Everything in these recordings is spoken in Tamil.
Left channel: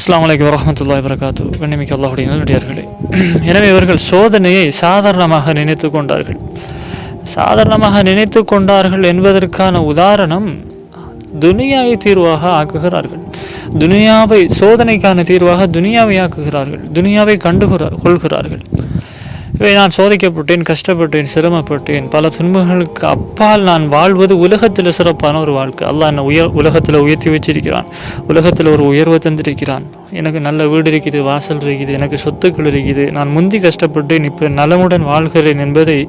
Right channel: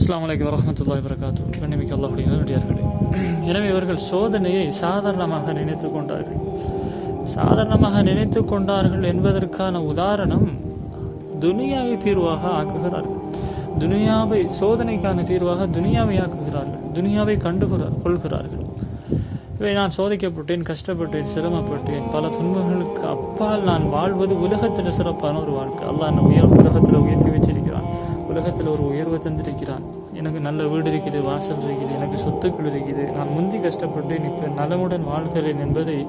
அஸ்ஸலாமு அலைக்கும் வரஹ்மத்துல்லாஹி வபரகாத்து. கண்ணியமிக்க அல்லாஹ்வுடைய நல்லடியார்களே, எனவே இவர்கள் சோதனையை சாதாரணமாக நினைத்து கொண்டார்கள். சாதாரணமாக நினைத்து கொண்டார்கள் என்பதற்கான உதாரணம், துனியாவை தீர்வாக ஆக்குகிறார்கள். துனியாவை சோதனைக்கான தீர்வாக துனியாவை ஆக்குகிறார்கள். துனியாவை கொள்கிறார்கள். இவை நான் சோதிக்கப்பட்டேன், கஷ்டப்பட்டேன், சிரமப்பட்டேன், பல துன்பங்களுக்கு அப்பால் நான் வாழ்வது உலகத்தில் சிறப்பான ஒரு வாழ்க்கை. அல்லாஹ் என்னை உலகத்தில் உயர்த்தி வச்சிருக்கிறான். உலகத்தில் ஒரு உயர்வை தந்திருக்கிறான். எனக்கு நல்ல வீடு இருக்குது, வாசல் இருக்குது, எனக்கு சொத்துக்கள் இருக்குது. நான் முந்தி கஷ்டப்பட்டேன், இப்போ நலமுடன் வாழ்கிறேன் என்பதை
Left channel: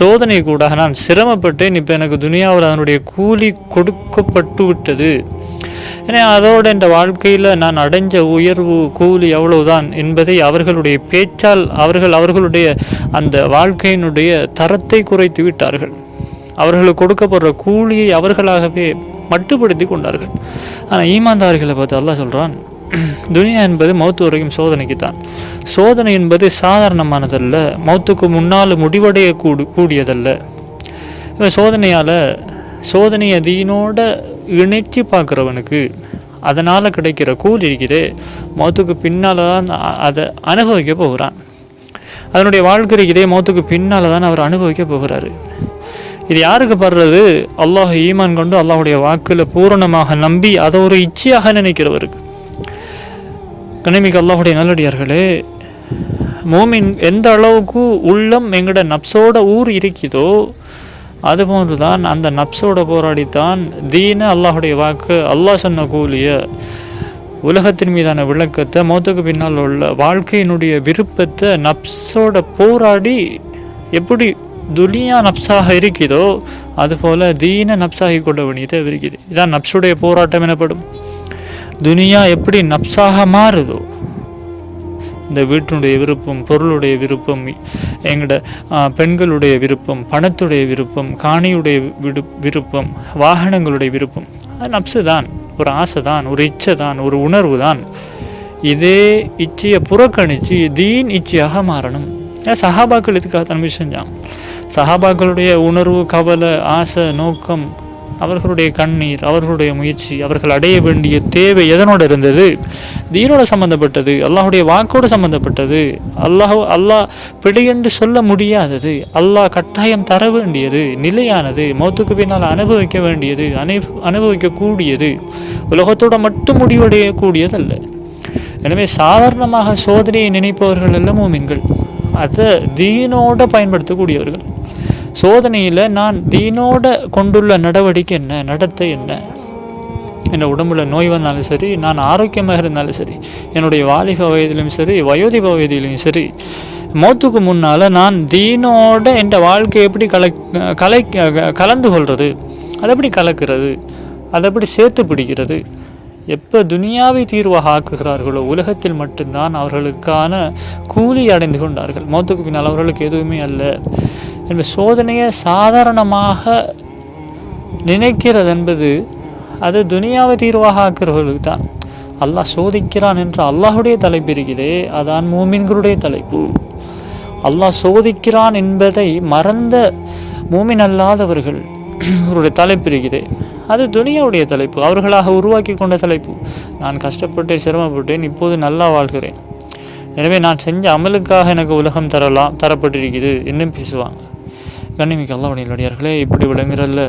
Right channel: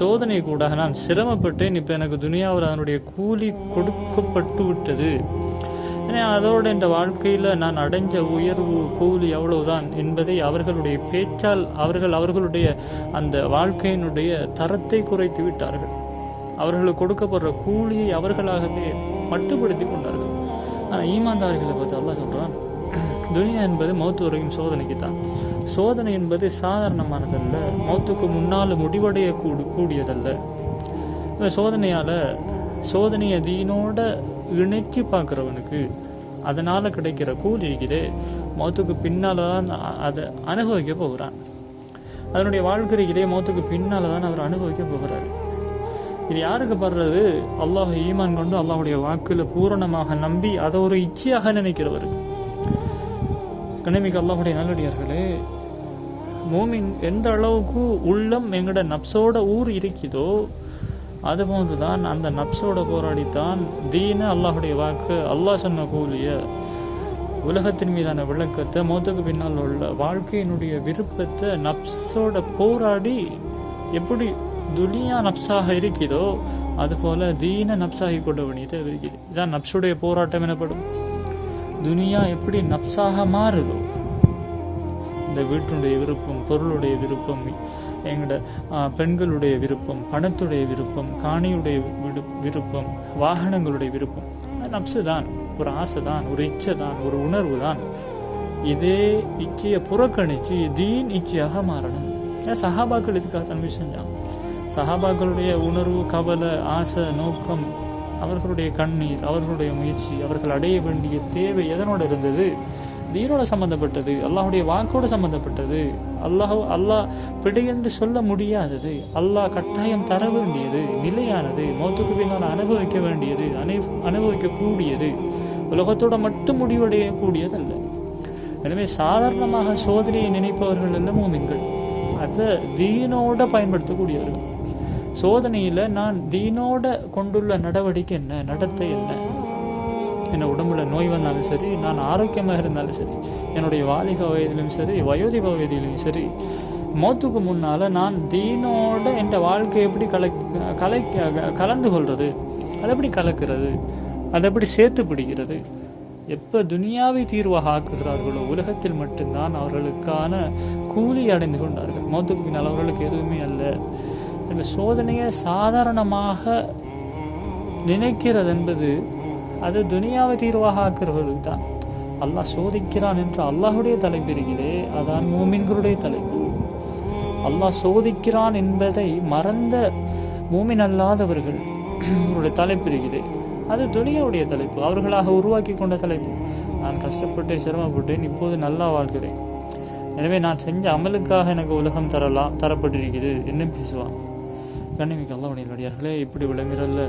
சோதனை கூட நான் சிரமப்பட்டேன், இப்போ எனக்கு துனியாவில் அதனுடைய கூலி கொடுக்கப்பட்டு விட்டது. ஏன்னா அதோடு இந்த வாழ்க்கையில் நான் அடைஞ்ச உயர்வு கூலி எவ்வளவுதான் என்பதை அவர்களுடைய பேச்சால் அவர்களுடைய அந்த வாழ்க்கையினுடைய தரத்தை குறைத்து விட்டார்கள். அவர்களுக்கு கொடுக்கப்படுற கூலியை அவர்களாகவே மட்டுப்படுத்தி கொண்டார்கள். ஆனால் ஈமான்தார்களை பார்த்து அல்லாஹ் சொல்கிறான், துனியா என்பது மௌத்து வரைக்கும் சோதனைக்கு தான். சோதனை என்பது சாதாரணமானதல்ல, மௌத்துக்கு முன்னால் முடிவடைய கூடியதல்ல. சோதனையை தீனோட இணைச்சி பார்க்குறவனுக்கு அதனால் கிடைக்கிற கூலி இருக்குது, மௌத்துக்கு பின்னால் தான் அதை அனுபவிக்க போகிறான். அதனுடைய வாழ்க்கை இருக்குதே, மௌத்துக்கு பின்னால் தான் அவர் அனுபவிக்க போகிறாரு. இது யாருக்கு படுறது? அல்லாஹ் ஈமான் கொண்டு அல்லாஹுடைய வாக்கில் பூரணமாக நம்பி அதை ஒரு இச்சையாக நினைக்கிறவருக்கு. கண்ணியமிக்க அல்லாஹுடைய நல்லடியார்களே, மோமின் எந்த அளவுக்கு உள்ளம் எங்கட நப்சோட ஊர் இருக்குதோ அதுபோன்று தான் அந்த நப்சோட போராடித்தான் தீன அல்லாஹுடைய வாக்கு, அல்லாஹ் சொன்ன கூலிய, உலகத்தின் மீதான விளக்கத்தை, மௌத்துக்கு பின்னால் உள்ள வாழ்க்கையினுடைய விருப்பத்தை நப்சோட போராடி எப்படி துனியா நப்சாக இருக்குதோ அதுபோல் தீன நப்சாகி கொள்ள வேண்டியது இருக்குது. இதான் நப்சுடைய போராட்டம் எனப்படும். துனியா எப்படி நப்சாக மாறுதோ, இந்த வீட்டினுடைய விருப்பம், பொருளுடைய விருப்பம், எங்களோட பெண்களுடைய விருப்பம், பணத்துடைய விருப்பம், காணியுடைய விருப்பம், வாகனங்களுடைய விருப்பம், அது நப்சு தான், ஒரு ஆசை தான், ஒரு இச்சை தான், ஒரு உணர்வு தான். இதே இச்சையை புறக்கணித்து தீன் இச்சையாக மாறணும். சஹாபாக்கள் இதுக்காக தன்மை செஞ்சாங்க. சஹாபாக்களுடைய உணர்வு, கவலை, ஆசை, நோக்கம், அவர்களுடைய கண்ணீர், அவர்களுடைய முயற்சி, அவர்கள் அடைய வேண்டிய தேவை எதனோடு இருந்தது? தீனோட சம்பந்தப்பட்டது, அல்லாஹுடைய வாக்கோடு சம்பந்தப்பட்டது. அல்லாஹ் பிழையென்று சொல்ல முடியாதது, அல்லாஹ் கட்டாயம் தர வேண்டியது, நிலையானது, மௌத்துக்கு பின்னால் அனுபவிக்க வேண்டியது, அனுபவிக்கக்கூடியது, உலகத்தோடு மட்டும் முடிவடையக்கூடியதல்ல. எனவே சாதாரணமாக சோதனையை நினைப்பவர்கள் எல்லாம் மூமின்கள், அதை தீனோட பயன்படுத்தக்கூடியவர்கள். சோதனையில் நான் தீனோட கொண்டுள்ள நடவடிக்கை என்ன, நடத்தை என்ன, என் உடம்புல நோய் வந்தாலும் சரி, நான் ஆரோக்கியமாக இருந்தாலும் சரி, என்னுடைய வாலிப வயதிலும் சரி, வயோதிப வயதிலும் சரி, மௌத்துக்கு முன்னால் நான் தீனோட என் வாழ்க்கை எப்படி கலந்து கொள்வது, அதை எப்படி கலக்கிறது, அதை எப்படி சேர்த்து பிடிக்கிறது. எப்போ துனியாவை தீர்வாக ஆக்குகிறார்களோ உலகத்தில் மட்டும்தான் அவர்களுக்கான கூலி அடைந்து கொண்டார்கள். மௌத்துக்கு பின்னால் அவர்களுக்கு எதுவுமே அல்ல. என்பது சோதனையை சாதாரணமாக நினைக்கிறது என்பது அது துனியாவை தீர்வாக ஆக்குறவர்களுக்கு தான். அல்லாஹ் சோதிக்கிறான் என்ற அல்லாஹுடைய தலைப்பு இருக்கிறதே, அதான் மூமின்களுடைய தலைப்பு. அல்லாஹ் சோதிக்கிறான் என்பதை மறந்த மூமின் அல்லாதவர்கள் அவருடைய தலைப்பு இருக்குது, அது துனியாவுடைய தலைப்பு, அவர்களாக உருவாக்கி கொண்ட தலைப்பு. நான் கஷ்டப்பட்டேன், சிரமப்பட்டேன், இப்போது நல்லா வாழ்கிறேன், எனவே நான் செஞ்ச அமலுக்காக எனக்கு உலகம் தரப்பட்டிருக்குது இன்னும் பேசுவாங்க. கண்ணியமிக்க அல்லாஹ்வுடைய நல்லடியார்களே, இப்படி விளங்குறல்ல,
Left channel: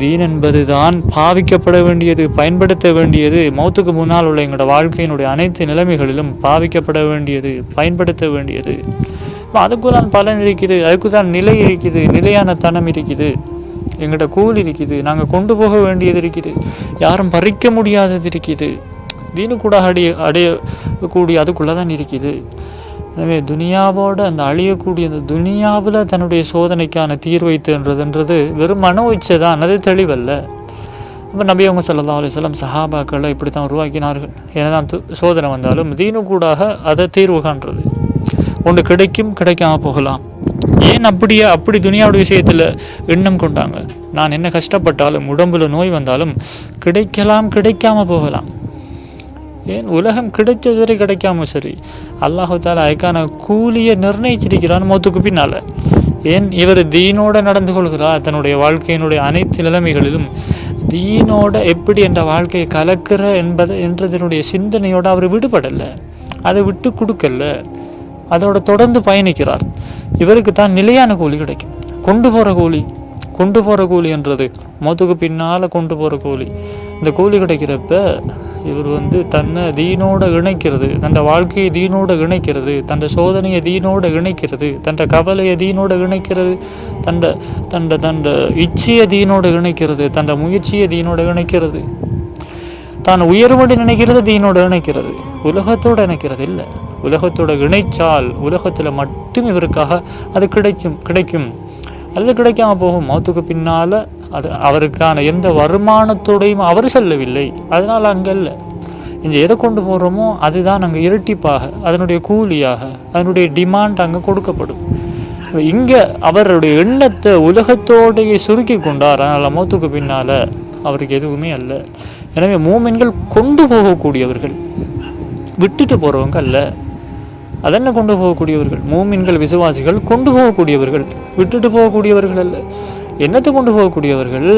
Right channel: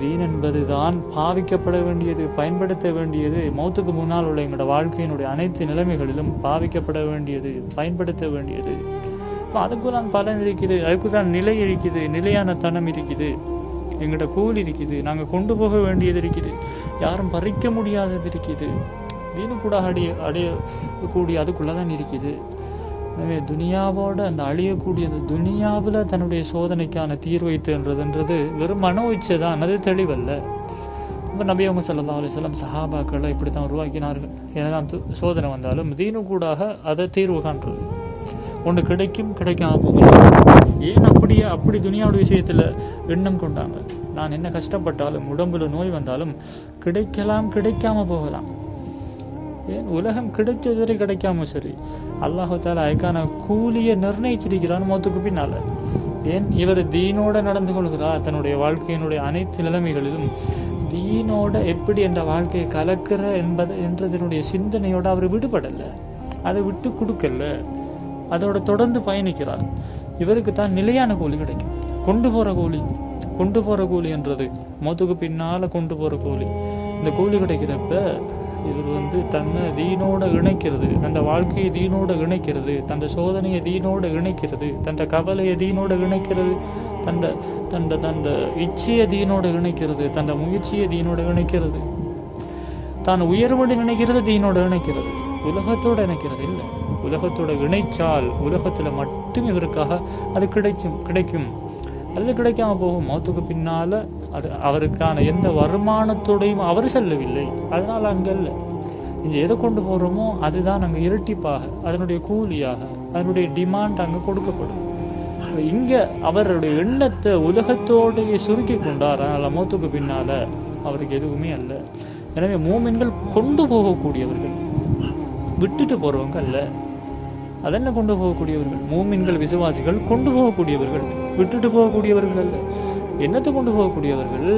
தீன் என்பது தான் பாவிக்கப்பட வேண்டியது, பயன்படுத்த வேண்டியது. மௌத்துக்கு முன்னால் உள்ள எங்களோட வாழ்க்கையினுடைய அனைத்து நிலைமைகளிலும் பாவிக்கப்பட வேண்டியது, பயன்படுத்த வேண்டியது. அதுக்கு தான் பலன் இருக்குது, அதுக்கு தான் நிலை இருக்குது, நிலையான தனம் இருக்குது, எங்களோட கூலி இருக்குது, நாங்கள் கொண்டு போக வேண்டியது இருக்குது, யாரும் பறிக்க முடியாதது இருக்குது, தீனு கூட அடையக்கூடிய அதுக்குள்ளே தான் இருக்குது. எனவே துனியாவோட அந்த அழியக்கூடிய அந்த துனியாவில் தன்னுடைய சோதனைக்கான தீர்வை தேன்றதுன்றது வெறும் மனோ இச்சை தான், அது தெளிவல்ல. இப்போ நபி அவங்க ஸல்லல்லாஹு அலைஹி வஸல்லம் சஹாபாக்களை இப்படி தான் உருவாக்கினார்கள். ஏன்னா சோதனை வந்தாலும் தீனு கூடாக அதை தீர்வு காண்றது. ஒன்று கிடைக்கும், கிடைக்காமல் போகலாம். ஏன் அப்படி துனியாவுடைய விஷயத்தில் எண்ணம் கொண்டாங்க? நான் என்ன கஷ்டப்பட்டாலும், உடம்புல நோய் வந்தாலும் கிடைக்கலாம், கிடைக்காம போகலாம். ஏன் உலகம் கிடைச்சது வரை கிடைக்காம சரி, அல்லாஹு தாலா அதுக்கான கூலியை நிர்ணயிச்சிருக்கிறான் மௌத்துக்கு பின்னால். ஏன் இவர் தீனோடு நடந்து கொள்கிறார், தன்னுடைய வாழ்க்கையினுடைய அனைத்து நிலைமைகளிலும் தீனோட எப்படி என்ற வாழ்க்கையை கலக்கிற என்றதனுடைய சிந்தனையோடு அவர் விடுபடலை, அதை விட்டு கொடுக்கல, அதோட தொடர்ந்து பயணிக்கிறார். இவருக்கு தான் நிலையான கூலி கிடைக்கும். கொண்டு போகிற கூலி என்றது மௌத்துக்கு பின்னால் கொண்டு போகிற கூலி. இந்த கூலி கிடைக்கிறப்ப இவர் தன்னை தீனோடு இணைக்கிறது, தன் வாழ்க்கையை தீனோடு இணைக்கிறது, தன் சோதனையை தீனோடு இணைக்கிறது, தன் கவலையை தீனோடு இணைக்கிறது, தன் இச்சையை தீனோடு இணைக்கிறது, தன் முயற்சியை தீனோடு இணைக்கிறது, தான் உயர்வடி நினைக்கிறது தீனோடு இணைக்கிறது, உலகத்தோடு இணைக்கிறது இல்லை. உலகத்தோடு இணைச்சால் உலகத்தில் மட்டும் இவருக்காக அது கிடைக்கும். அது கிடைக்காம போகும். மௌத்துக்கு பின்னால் அது அவருக்கான எந்த வருமானத்தோடையும் அவர் செல்லவில்லை. அதனால் அங்கே இல்லை. இங்கே எதை கொண்டு போகிறோமோ அதுதான் அங்கே இரட்டிப்பாக, அதனுடைய கூலியாக, அதனுடைய டிமாண்ட் அங்கே கொடுக்கப்படும். இங்கே அவருடைய எண்ணத்தை உலகத்தோடைய சுருக்கி கொண்டார். அதனால் மௌத்துக்கு பின்னால் அவருக்கு எதுவுமே அல்ல. எனவே மூமின்கள் கொண்டு போகக்கூடியவர்கள், விட்டுட்டு போகிறவங்க அல்ல. அதென்ன கொண்டு போகக்கூடியவர்கள்? மூமின்கள் விசுவாசிகள் கொண்டு போகக்கூடியவர்கள், விட்டுட்டு போகக்கூடியவர்கள் அல்ல. என்னத்தை கொண்டு போகக்கூடியவர்கள்?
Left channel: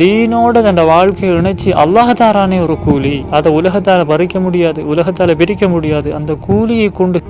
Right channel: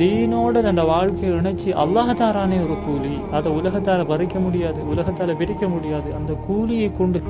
தீனோட தன் வாழ்க்கையை இணைச்சி அல்லாஹ்தாரானே ஒரு கூலி, அதை உலகத்தால் பறிக்க முடியாது, உலகத்தால் பிரிக்க முடியாது. அந்த கூலியை கொண்டு